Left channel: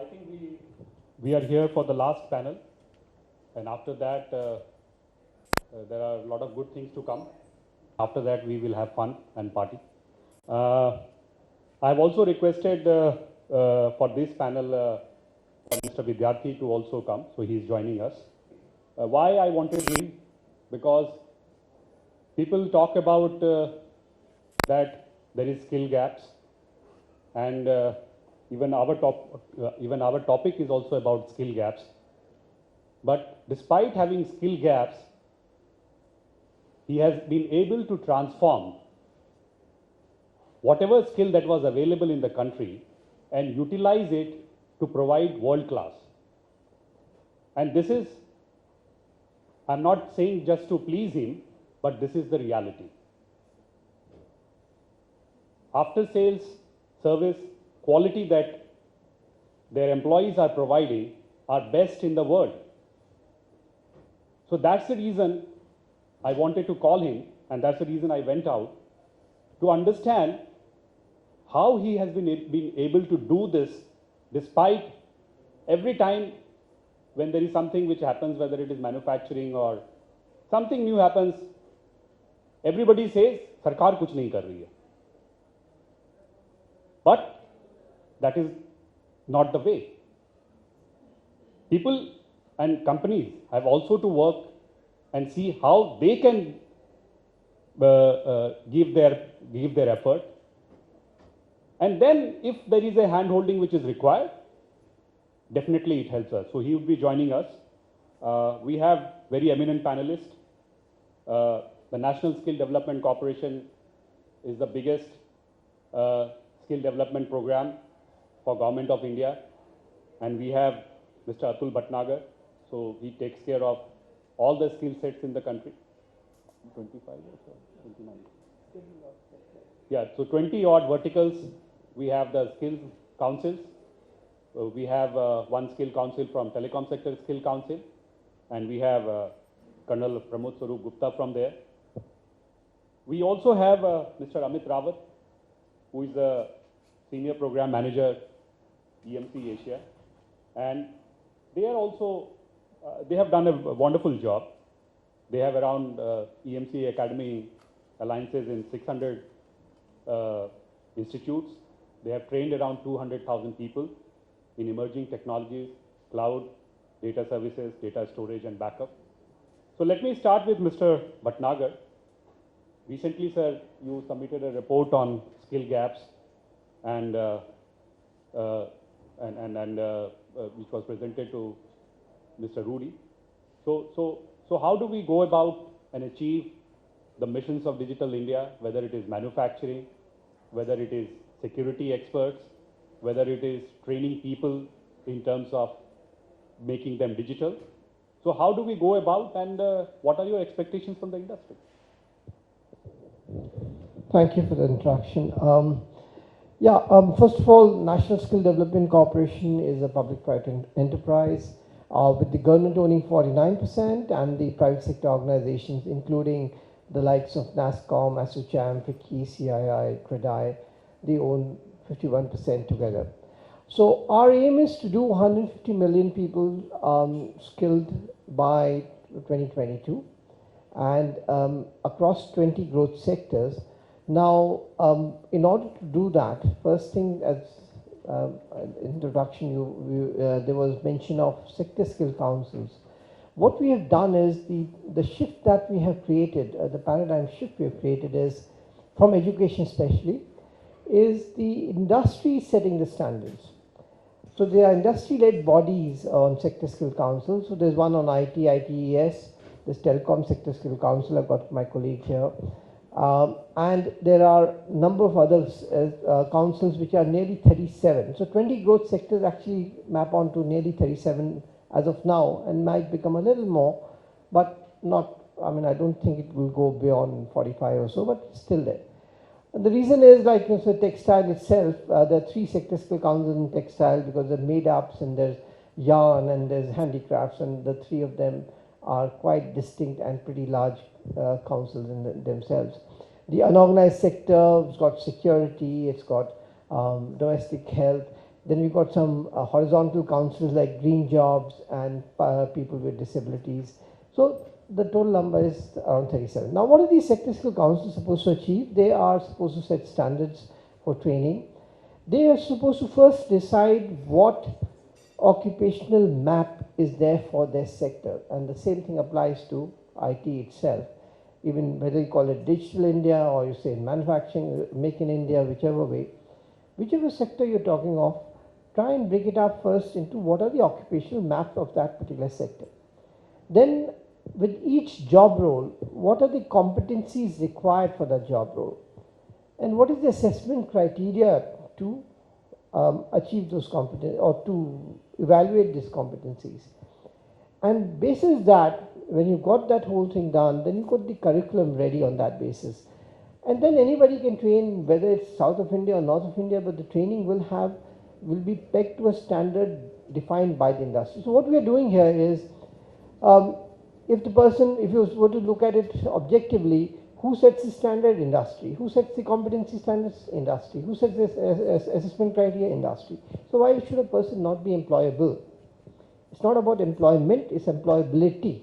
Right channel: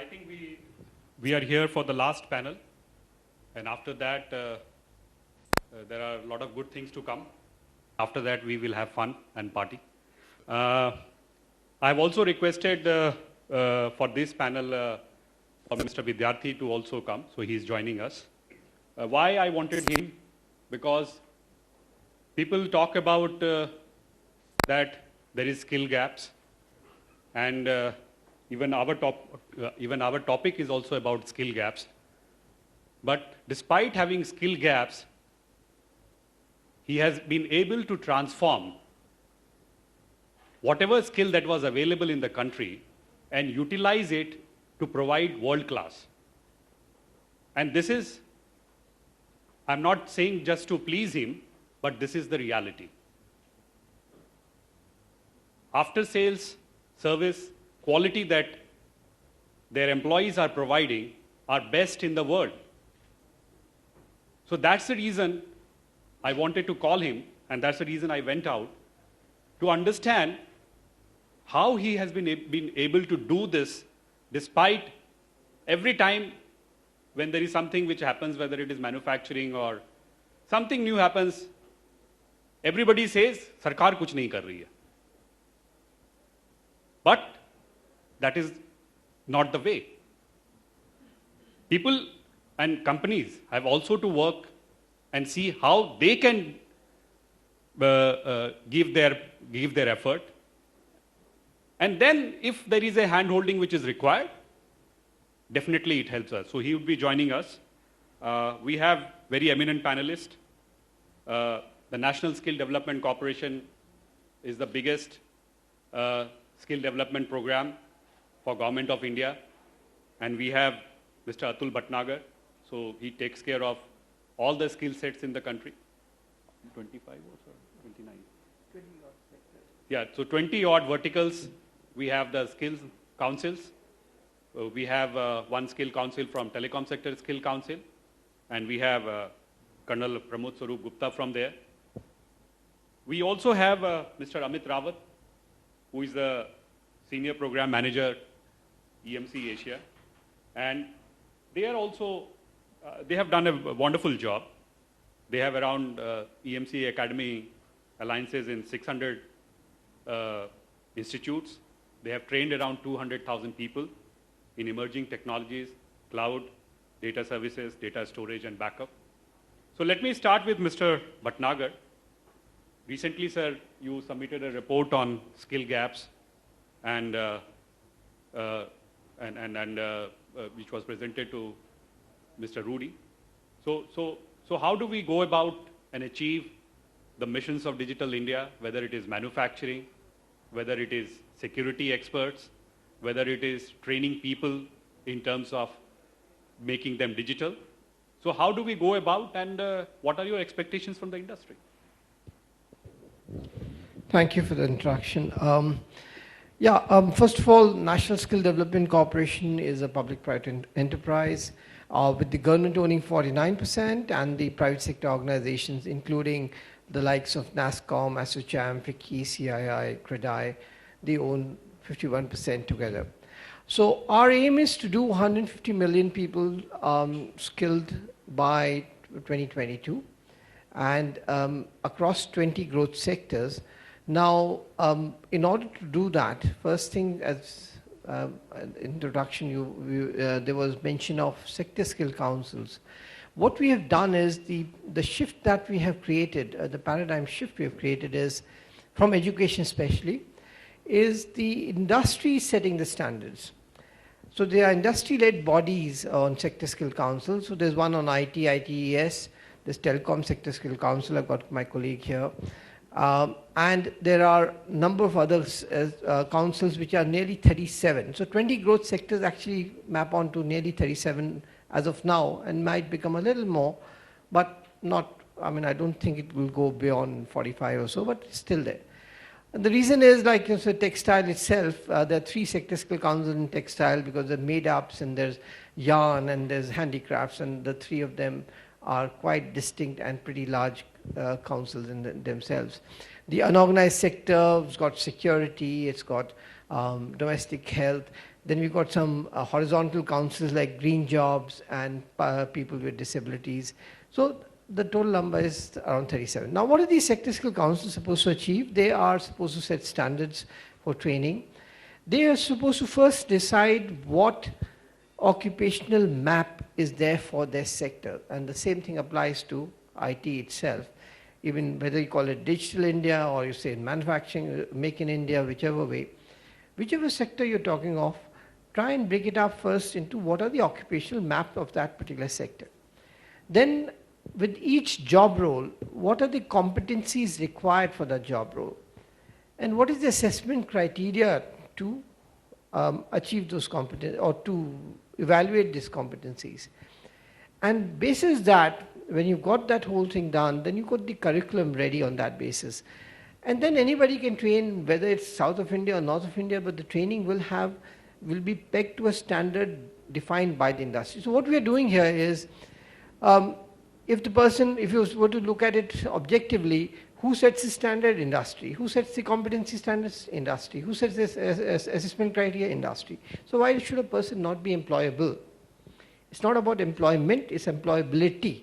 I think we are here for the last panel, and after that there are a lot of good things to come. After that we will have fun and party. I have also requested for this panel for Mr. Vidyarthi to also come, so he is joining us. Why I wanted him? Because people talk about that there is skill gaps, and even our topic is also about skill gaps. But despite having skill gaps, he has been able to transform whatever skill that was available in the country and utilize it to provide world class. And this is, I'm not saying just to please him, but this is the reality. After sales service quality that their employees are providing are best in the world. So that's the reason I wanted to call him, and that's the reason I went out to understand how he has been able to do this despite every time when there is something which happens, whether it is manufacturing or something new happens, everybody says, Sarkar kuch nahi kar rahi hai. But that is not the way. People and companies have also to work and see how they can give their effort. And then if there is a hand-holding which is required, definitely it helps us. So he will be joining us. We have very eminent panelists. The National Skill Development Corporation is the biggest skill development program for Government of India. And we have Mr. Atul Bhatnagar. So he takes care of all the skill sets in the country. 25 or so, 29? 20 odd sectors. Yeah, so 20 odd verticals. We have the skills councils. We have one skill council from Telecom Sector Skill Council. And we have Colonel Pramod Swarup Gupta from there. We also have Mr. Amit Rawat, who is the Senior Program Manager, EMC Asia. And they are also, they have done a wonderful job. They have around EMC Academy alliances in 600 institutes. They have trained around 200,000 people in emerging technologies, cloud, data services, data storage, and backup. So let me start with Mr. Bhatnagar. Recently, sir, you submitted a report on skill gaps, and which was presented to Mr. Rudy. So how do we go about and achieve the missions of Digital India, whether it is manufacturing, whether it is security experts, whether it is training people in terms of making them digital? So how do we go about, and what are your expectations from the industry? Thank you for the introduction. First of all, National Skill Development Corporation is a public-private enterprise with the government owning 49% and the private sector organizations, including the likes of NASSCOM, ASSOCHAM, FICCI, CII, CREDAI, they own 51% together. So our aim is to do 150 million people skilled by 2022 and across 20 growth sectors. Now, in order to do that, first thing as introduction, there was mention of sector skill councils. What we have done is the shift that we have created, the paradigm shift we have created is, from education especially, is the industry setting the standards. So there are industry-led bodies on sector skill council. So there's one on IT, ITES, there's Telecom Sector Skill Council, I've got my colleague here. And there are a number of other councils which are nearly 37. So 20 growth sectors actually map onto nearly 37 as of now, and might become a little more, but not, I mean, I don't think it will go beyond 45 or so, but it's still there. And the reason is, like you said, textile itself, there are 3 sector skill councils in textile because there are made-ups and there's yarn and there's handicrafts, and the 3 of them are quite distinct and pretty large councils in themselves. The unorganized sector has got security, it's got domestic health. Then we've got some horizontal councils like green jobs and people with disabilities. So the total number is around 37. Now, what are these sector skill councils supposed to achieve? They are supposed to set standards for training. They are supposed to first decide what occupational map is there for their sector. And the same thing applies to IT itself. Even whether you call it Digital India or you say manufacturing, make in India, whichever way, whichever sector you're talking of, try and break it up first into what are the occupational map of that particular sector. Then with each job role, what are the competencies required for that job role? And what is the assessment criteria to achieve those competencies or to evaluate these competencies? And basis that, when you've got that whole thing done, then you've got the curriculum ready on that basis. And then anybody can train, whether it's south of India or north of India, but the training will be pegged to a standard defined by the industry. So what we are doing here is, if you were to look at it objectively, who sets the standard? Industry. Who sets the competency standards? Industry. Who sets this assessment criteria? Industry. So why should a person not be employable? It's not about employment, it's employability.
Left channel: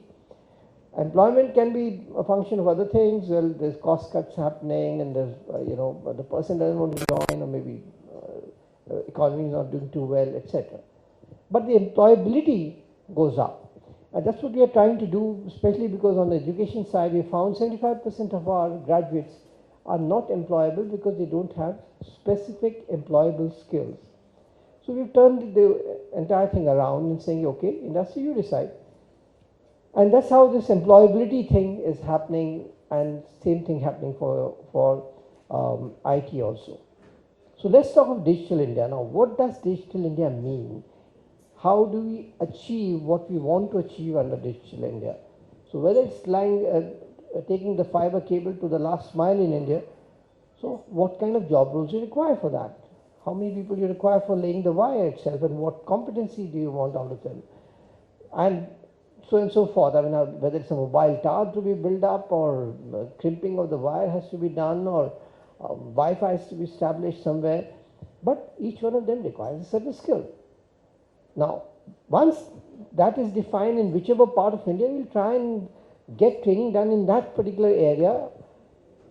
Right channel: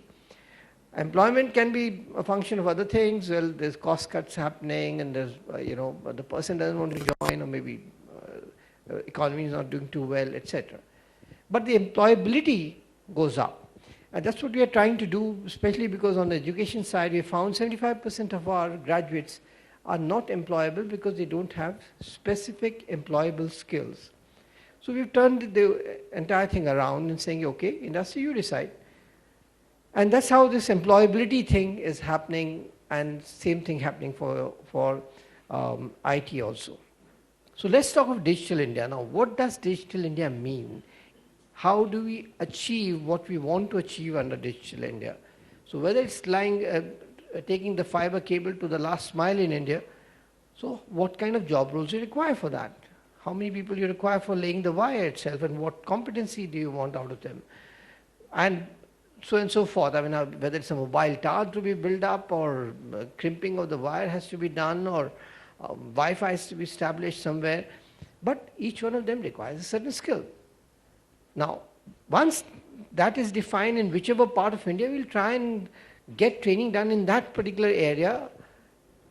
Employment can be a function of other things. Well, there's cost cuts happening and there's, the person doesn't want to join, or maybe economy is not doing too well, etc. But the employability goes up. And that's what we are trying to do, especially because on the education side, we found 75% of our graduates are not employable because they don't have specific employable skills. So we've turned the entire thing around and saying, okay, industry, you decide. And that's how this employability thing is happening, and same thing happening for IT also. So let's talk of Digital India. Now, what does Digital India mean? How do we achieve what we want to achieve under Digital India? So whether it's taking the fiber cable to the last mile in India, so what kind of job roles you require for that? How many people you require for laying the wire itself, and what competency do you want out of them? And so and so forth. I mean, whether it's a mobile tower to be built up, or crimping of the wire has to be done, or Wi-Fi has to be established somewhere. But each one of them requires a certain skill. Now, once that is defined in whichever part of India, we'll try and get training done in that particular area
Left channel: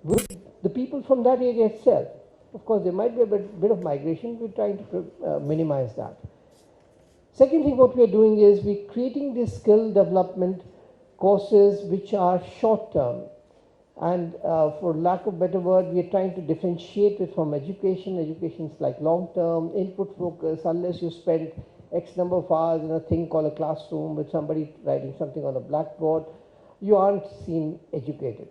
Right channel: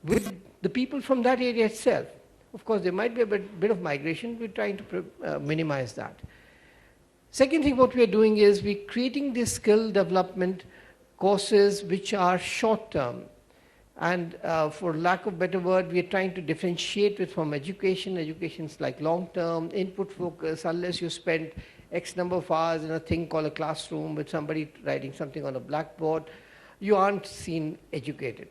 with the people from that area itself. Of course, there might be a bit of migration. We're trying to minimize that. Second thing what we are doing is we're creating these skill development courses which are short term. And for lack of better word, we are trying to differentiate it from education. Education is like long term, input focus. Unless you spend X number of hours in a thing called a classroom with somebody writing something on a blackboard, you aren't seen educated.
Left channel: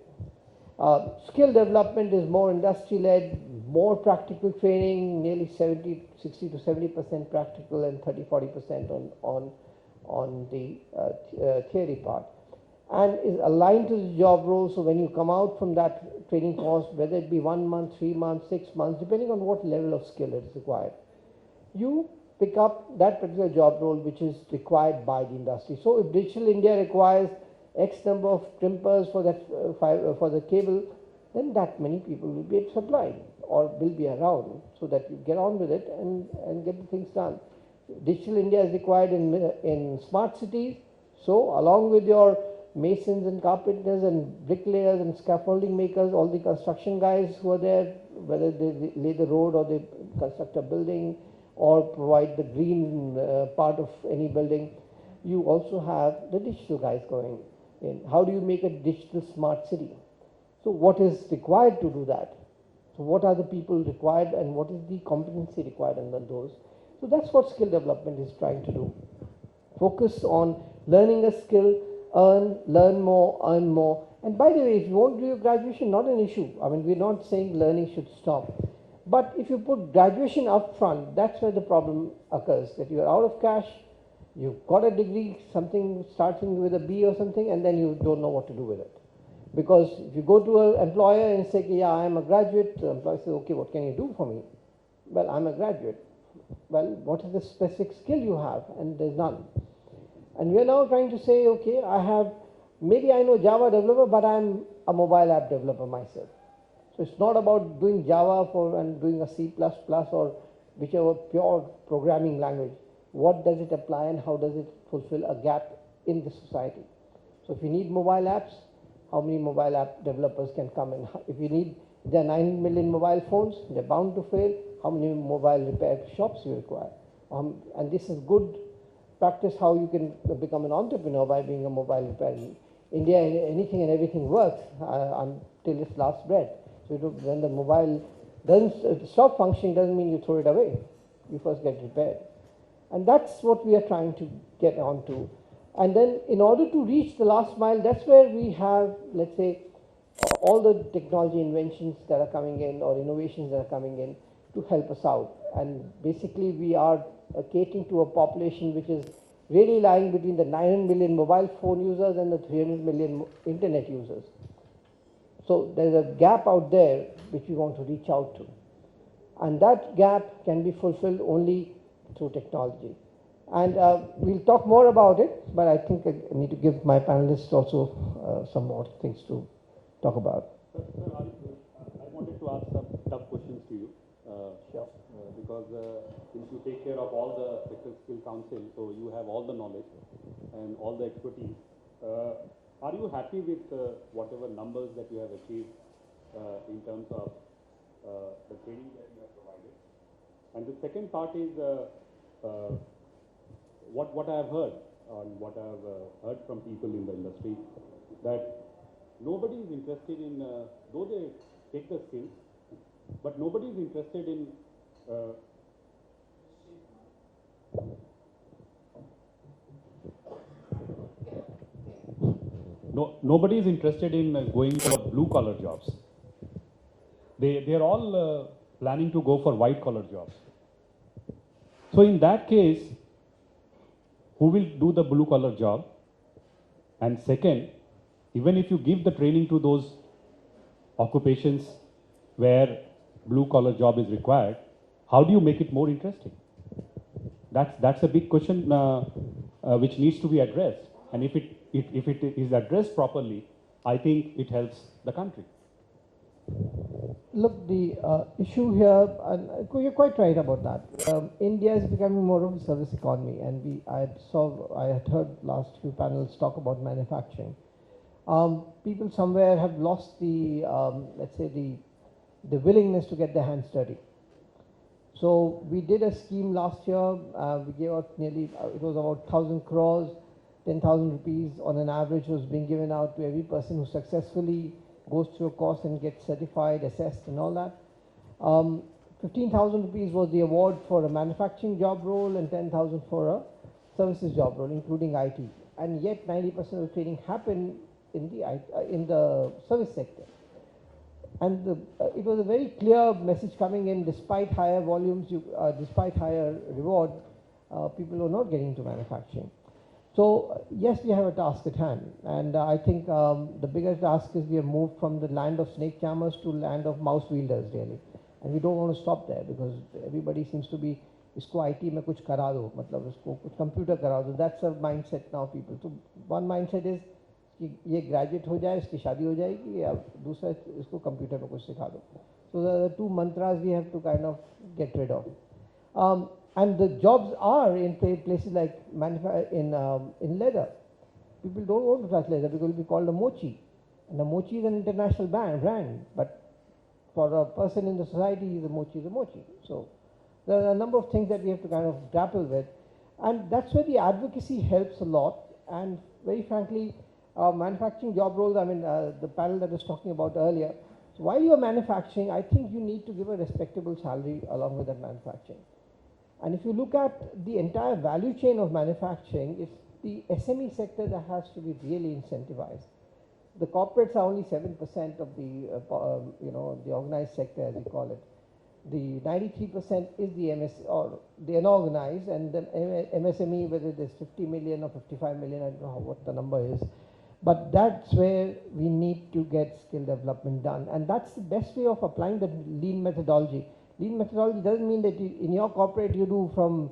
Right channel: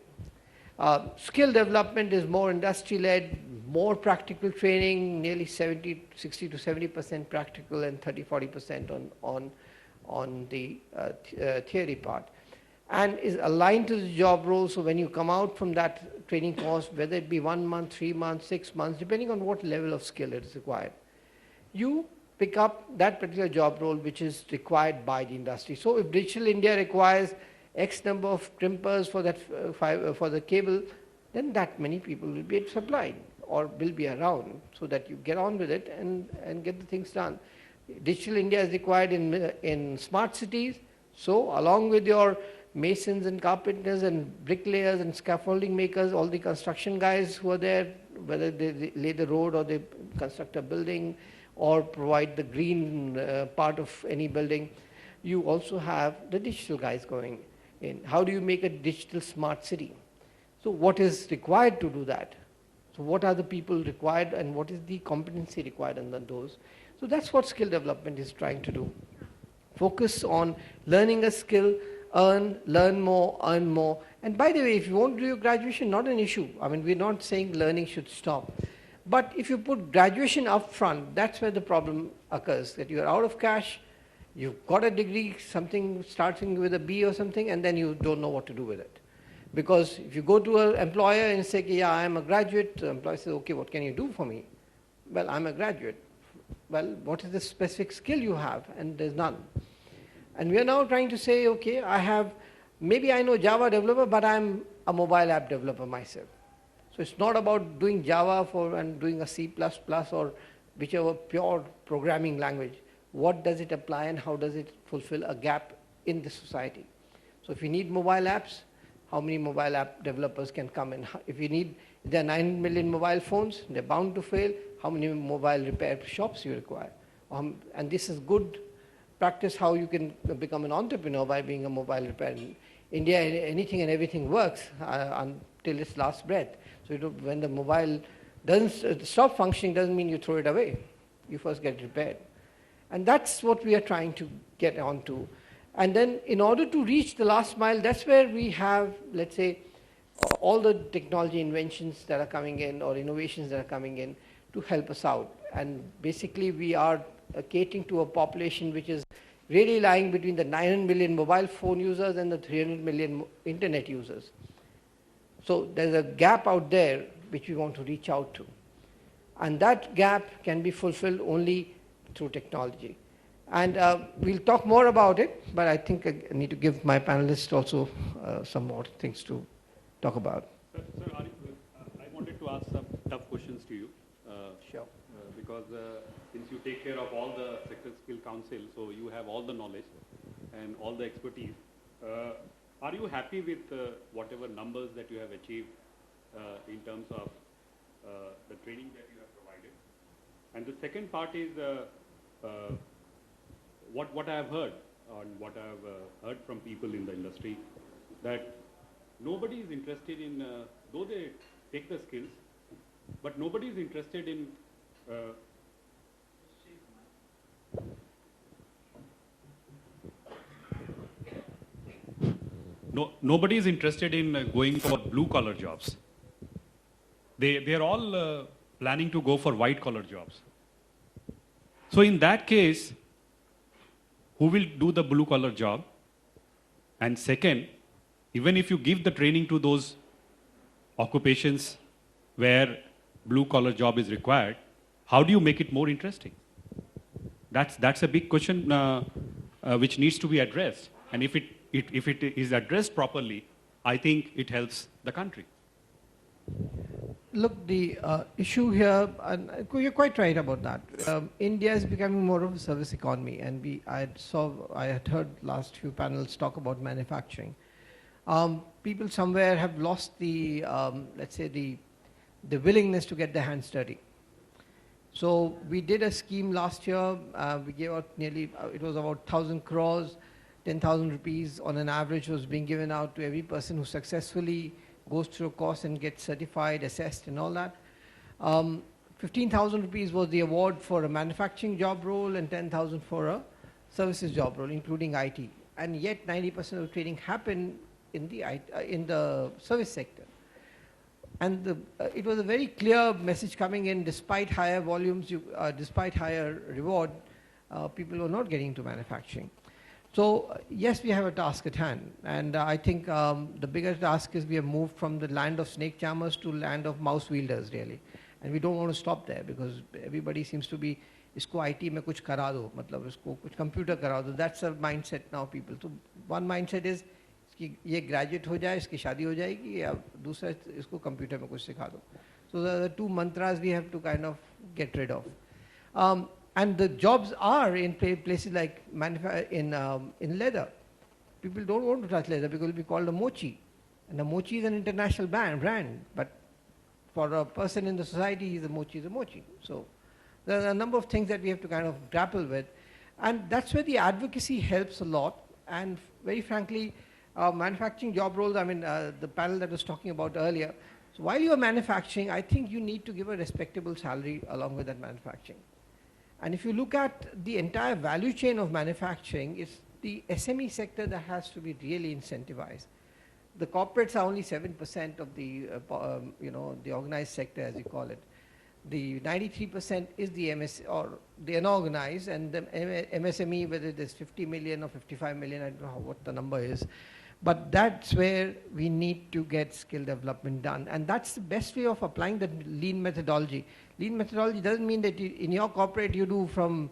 Skill development is more industry-led, more practical training, nearly 60 to 70% practical and 30-40% on the theory part, and is aligned to the job role. So when you come out from that training course, whether it be 1 month, 3 months, 6 months, depending on what level of skill it is required, you pick up that particular job role which is required by the industry. So if Digital India requires X number of crimpers for that for the cable, then that many people will be supplied or will be around, so that you get on with it and get the things done. Digital India is required in smart cities. So along with your masons and carpenters and bricklayers and scaffolding makers, all the construction guys who are there, whether they lay the road or they construct a building or provide the green part of any building, you also have the digital guys going in. How do you make a digital smart city? So what is required to do that? So what are the people required, and what is the competency required under those? So that's what skill development is trying to do. Focus on learning a skill, learn more, earn more. And by the way, if you won't do your graduation, not an issue. I mean, we're not saying learning should stop. But if you put graduation up front, that's where the problem occurs, that you're out of cash, you've got a degree, something starting with a B or something, and then you don't know what to do with it. Because if you go to an employer and say, yeah, I'm a graduate, the employer says, okay, what can you do for me? Well, I'm a graduate. Well, what is the specific skill you have? And there's none. And we are now trying to say, okay, maybe I know Java developer, but I'm a mobile app developer myself. So it's not about doing Java and doing a C++ or whichever pure programming language, what does it apply and how does it fulfill a gap in the society? So if you need mobile apps, how many mobile app developers can come in? If you need, there are 9 million mobile phones, they're bound to fail. How many mobile repair shops you require? And this is good practice how you can become an entrepreneur by being a mobile repair. In India, anything and everything works until its last breath. So when the mobile doesn't stop functioning, doesn't mean you throw it away. You first get repaired. And that's what we are trying to get onto. And then in order to reach the last mile, that's where we have, let's say, all the technology inventions that are coming in or innovations that are coming in to help us out. And basically we are catering to a population which is really lying between the 900 million mobile phone users and the 300 million internet users. So there's a gap out there which we want to reach out to. And that gap can be fulfilled only through technology. And we'll talk more about it, but I think I need to give my panelists also some more things to talk about. Sir, I wanted to ask some tough questions to you. Sure. Because since you take care of all the sector skill council, so you have all the knowledge and all the expertise. Are you happy with whatever numbers that you have achieved in terms of the training that you have provided? And the second part is what I have heard, or what I have heard from people in the industry, that nobody is interested in, though they take the skills, but nobody is interested in nobody is interested in going for blue collar jobs. They're all planning to go for white collar jobs. So in that case, who will do the blue collar job? And second, even if you give the training to those occupations where blue collar job is required, how do you make it more interesting? That's a big question which needs to be addressed. And if it is addressed properly, I think it helps the country. Look, the issue here, and you're quite right about that. India is becoming more of a service economy, and I had heard last few panels talk about manufacturing. People somewhere have lost the, let's say, the willingness to get their hands dirty. So we did a scheme last year. We gave out nearly, it was about 1,000 crores, 10,000 rupees on an average was being given out to every person who successfully goes through a course and gets certified, assessed and all that. 15,000 rupees was the award for a manufacturing job role and 10,000 for a services job role, including IT. And yet 90% of training happened in the service sector. And it was a very clear message coming in, despite higher volumes, despite higher reward, people were not getting into manufacturing. So yes, we have a task at hand, and I think the bigger task is we have moved from the land of snake charmers to land of mouse wielders, really, and we don't want to stop there because everybody seems to be, isko IT mein kuch kara do, matlab isko kuch computer kara do. That's a mindset now, people. So one mindset is कि ये graduate हो जाए, इसकी शादी हो जाएगी, या दूसरा इसको computer में कुछ सिखा दो. So the two mantras we have to kind of get rid of. And the jobs are in places like in leather. People don't want to touch leather because it will be called a mochi. And a mochi is an international brand. But for a person in the society, the mochi is a mochi. So there are a number of things that we have to kind of grapple with. And that's where the advocacy helps a lot. And very frankly, manufacturing job roles, I mean, the panel that was talking about earlier. So while you are manufacturing, I think you need to give a respectable salary along with that manufacturing. And if you look at the entire value chain of manufacturing, it's the SME sector that has to be really incentivized. The corporates are only 7% of the, the organized sector, as you call it. The 93% is the or the unorganized, and the MSME, whether it is 50 million or 55 million, I don't know what the number is. But that's where we need to get skill development done. And that's the best way of applying the lean methodology. Lean methodology doesn't mean that in your corporate you do from,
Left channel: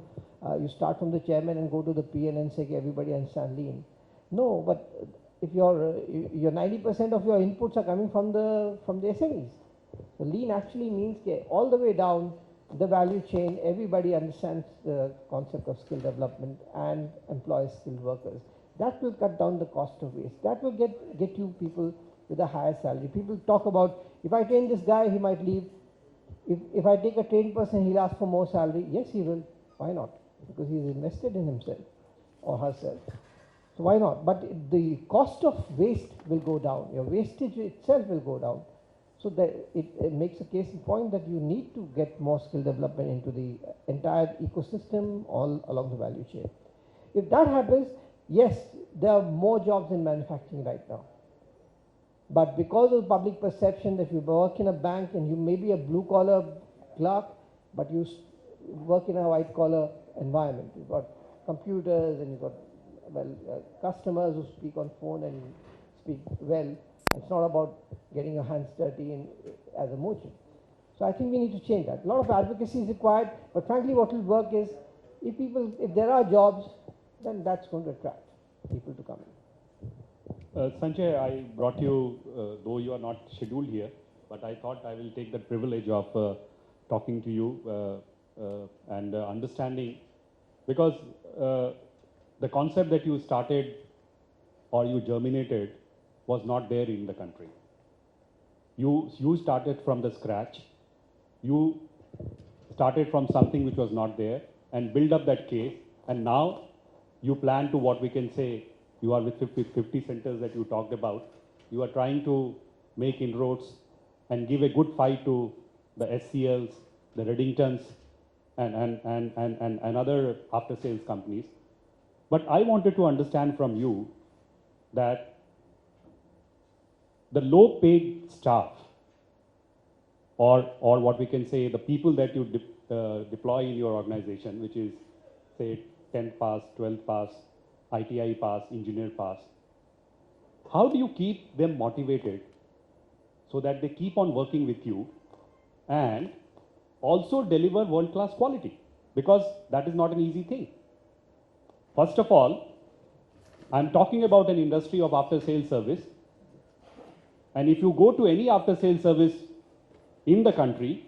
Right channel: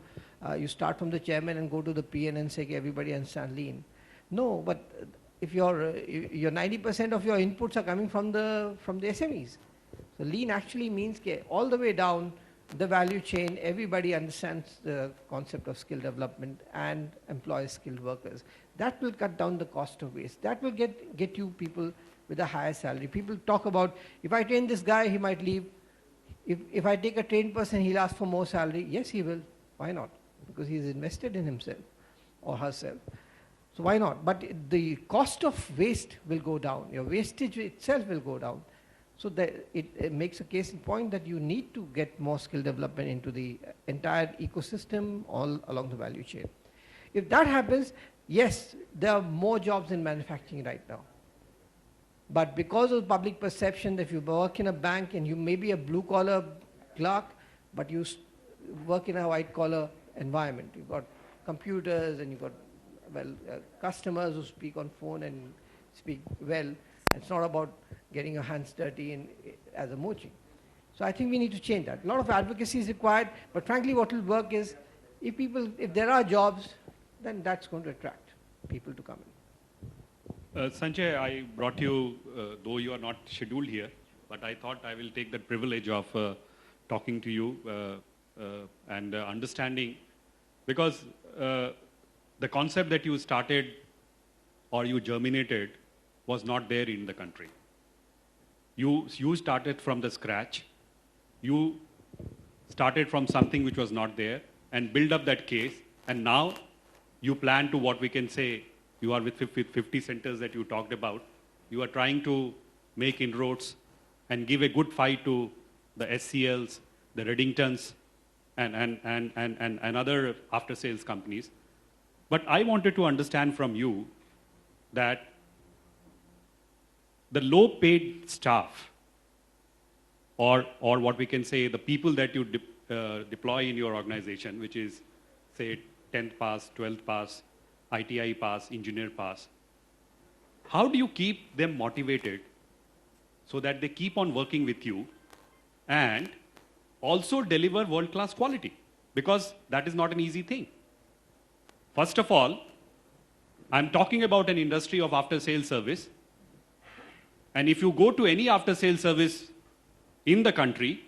you start from the chairman and go to the PN and say everybody understand lean. No, but if your 90% of your inputs are coming from the SMEs. So lean actually means all the way down, the value chain, everybody understands the concept of skill development and employ skilled workers. That will cut down the cost of waste. That will get you people with a higher salary. People talk about, if I train this guy, he might leave. If I take a trained person, he'll ask for more salary. Yes, he will. Why not? Because he's invested in himself or herself. So why not? But the cost of waste will go down. Your wastage itself will go down. So that it makes a case in point that you need to get more skill development into the entire ecosystem all along the value chain. If that happens, yes, there are more jobs in manufacturing right now. But because of public perception that if you work in a bank and you may be a blue-collar clerk, but you work in a white-collar environment. You've got computers and you've got, well, customers who speak on phone and speak well. It's not about getting your hands dirty as a mochi. So I think we need to change that. A lot of advocacy is required, but frankly what will work is if there are jobs, then that's going to attract people to come in. Sanjay, I brought you, though you are not scheduled here, but I thought I will take the privilege of talking to you and understanding, because the concept that you started or you germinated was not there in the country. You started from the scratch. You started from something which was not there and build up that case, and now you plan to, what we can say, you are with 50 centers that you talked about. You are trying to make inroads and give a good fight to the SCLs, the Reddingtons, and other after-sales companies. But I wanted to understand from you that the low-paid staff, or what we can say, the people that you deploy in your organization, which is, say, 10th pass, 12th pass, ITI pass, engineer pass, how do you keep them motivated so that they keep on working with you and also deliver world-class quality? Because that is not an easy thing. First of all, I'm talking about an industry of after-sales service. And if you go to any after-sales service in the country,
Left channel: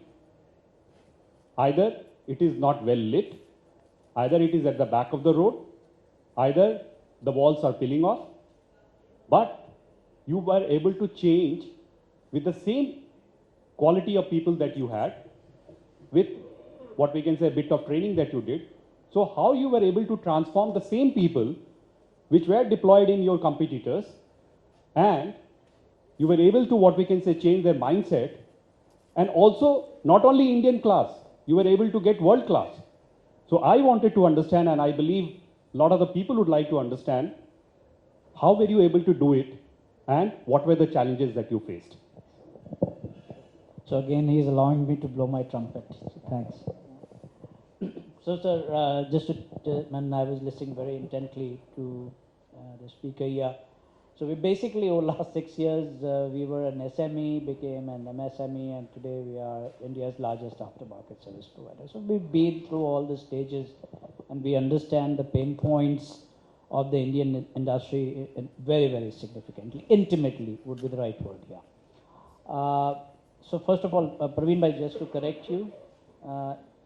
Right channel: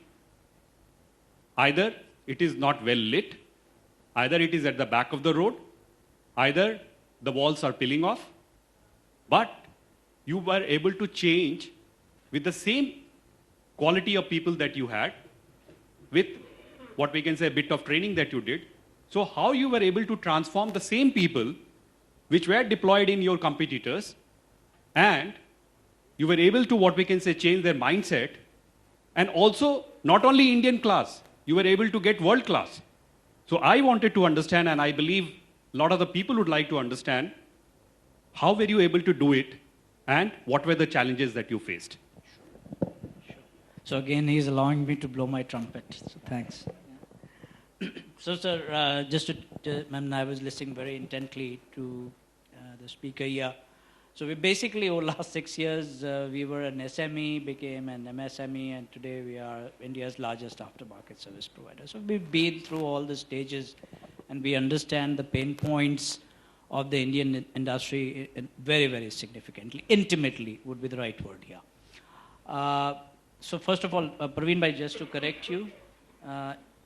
either it is not well lit, either it is at the back of the road, either the walls are peeling off, but you were able to change with the same quality of people that you had, with what we can say a bit of training that you did. So how you were able to transform the same people which were deployed in your competitors, and you were able to, what we can say, change their mindset, and also not only Indian class, you were able to get world class. So I wanted to understand, and I believe a lot of the people would like to understand, how were you able to do it and what were the challenges that you faced? So again, he's allowing me to blow my trumpet, so thanks. So sir, I was listening very intently to the speaker here. So we basically, over the last 6 years, we were an SME, became an MSME, and today we are India's largest aftermarket service provider. So we've been through all the stages, and we understand the pain points of the Indian industry very, very significantly. Intimately would be the right word here. So first of all, Pravin bhai, just to correct you,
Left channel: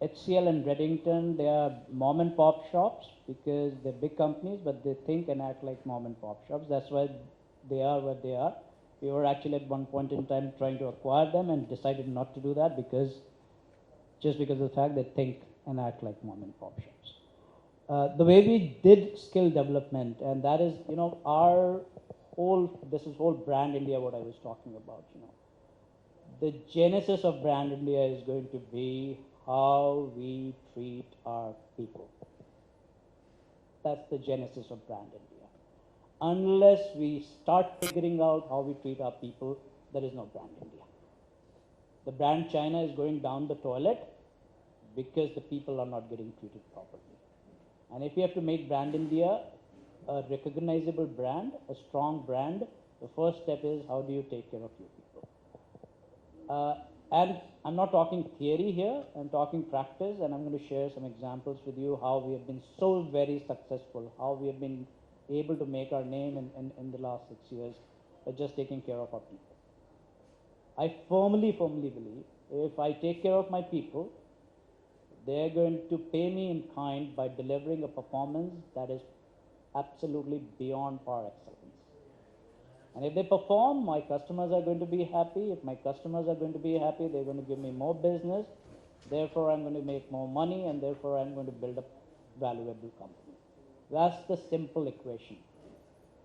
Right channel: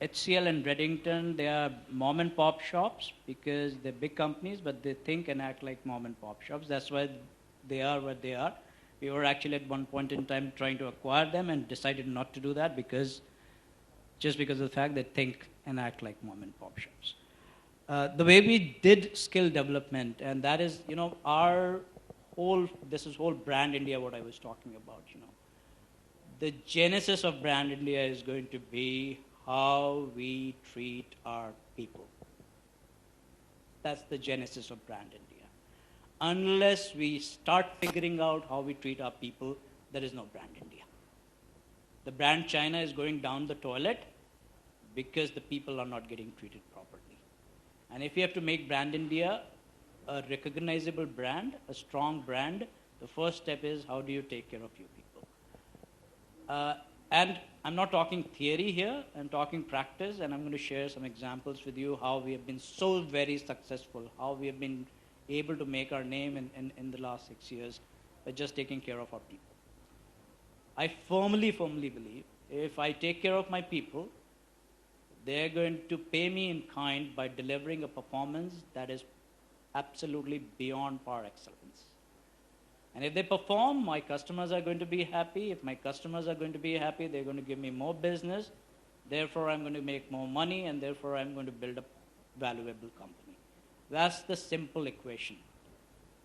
HCL and Reddington, they are mom and pop shops because they're big companies, but they think and act like mom and pop shops. That's why they are where they are. We were actually at one point in time trying to acquire them and decided not to do that because of the fact they think and act like mom and pop shops. The way we did skill development, and that is, this is whole brand India, what I was talking about, The genesis of brand India is going to be how we treat our people. That's the genesis of brand India. Unless we start figuring out how we treat our people, there is no brand India. The brand China is going down the toilet because the people are not getting treated properly. And if you have to make brand India a recognizable brand, a strong brand, the first step is how do you take care of your people? And I'm not talking theory here, I'm talking practice, and I'm going to share some examples with you how we have been so very successful, how we have been able to make our name in the last 6 years by just taking care of our people. I firmly believe if I take care of my people, they're going to pay me in kind by delivering a performance that is absolutely beyond par excellence. And if they perform, my customers are going to be happy. If my customers are going to be happy, they're going to give me more business. Therefore, I'm going to make more money, and therefore, I'm going to build a valuable company. That's the simple equation.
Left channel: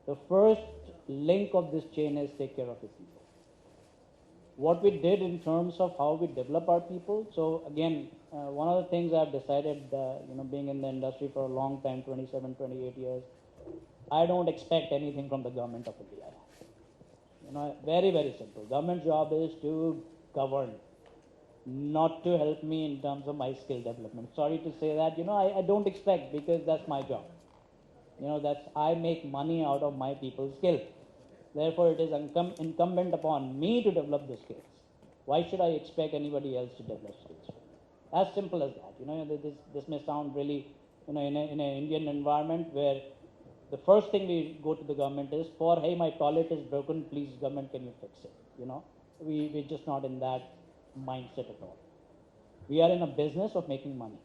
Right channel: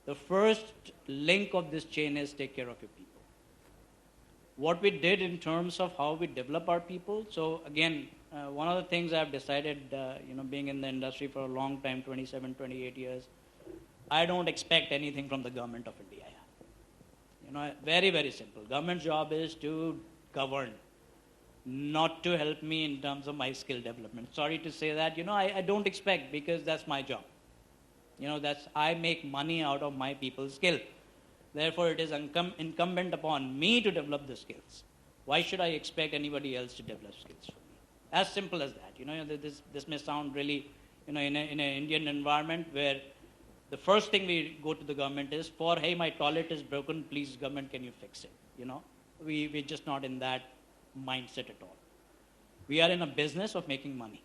The first link of this chain is take care of your people. What we did in terms of how we develop our people, so again, one of the things I've decided, being in the industry for a long time, 27, 28 years, I don't expect anything from the government of India. Very, very simple. Government's job is to govern, not to help me in terms of my skill development. Sorry to say that, I don't expect, because that's my job. I make money out of my people's skill. Therefore, it is incumbent upon me to develop the skills. Why should I expect anybody else to develop skills? As simple as that. This may sound really, in an Indian environment where the first thing we go to the government is for, hey, my toilet is broken, please, government, can you fix it? We're just not in that mindset at all. We are in a business of making money.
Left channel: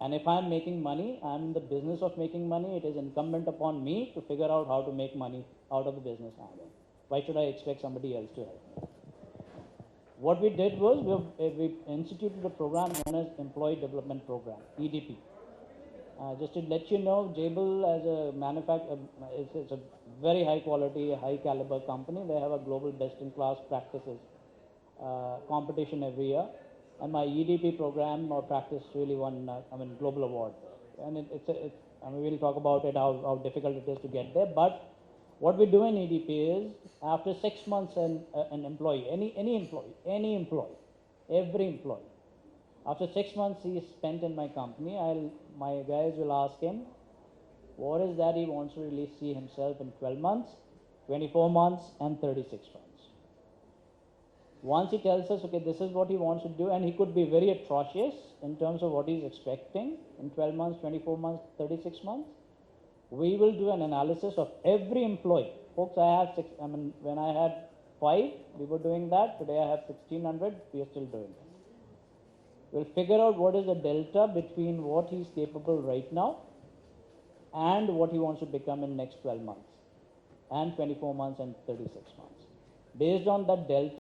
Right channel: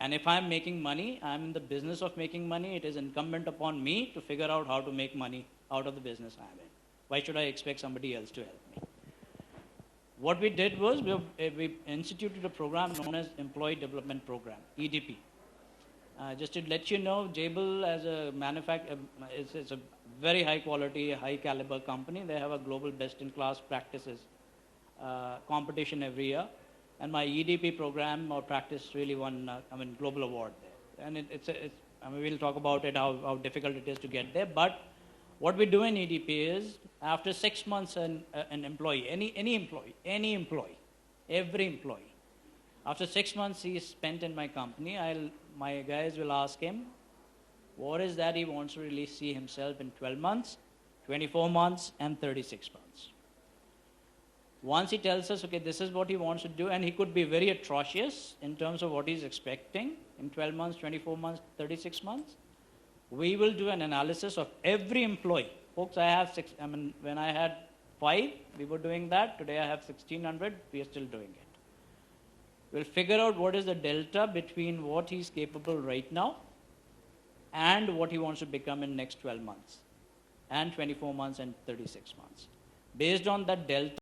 And if I'm making money, I'm in the business of making money. It is incumbent upon me to figure out how to make money out of the business I'm in. Why should I expect somebody else to help me? What we did was we instituted a program known as Employee Development Program, EDP. Just to let you know, Jabil as a manufacturer is a very high quality, high caliber company. They have a global best-in-class practices competition every year. And my EDP program or practice really won global award there. And we'll talk about it, how difficult it is to get there. But what we do in EDP is, after 6 months, an employee, every employee, after 6 months he is spent in my company, my guys will ask him, what is that he wants to really see himself in 12 months, 24 months, and 36 months. Once he tells us, okay, this is what he wants to do, and he could be very atrocious in terms of what he's expecting in 12 months, 24 months, 36 months, we will do an analysis of every employee. Folks, when I had 5, we were doing that. Today I have 1,600, we are still doing it. We'll figure out what is the delta between what he's capable right now and what he wants to become in next 12 months, and 24 months, and 36 months. Based on that delta,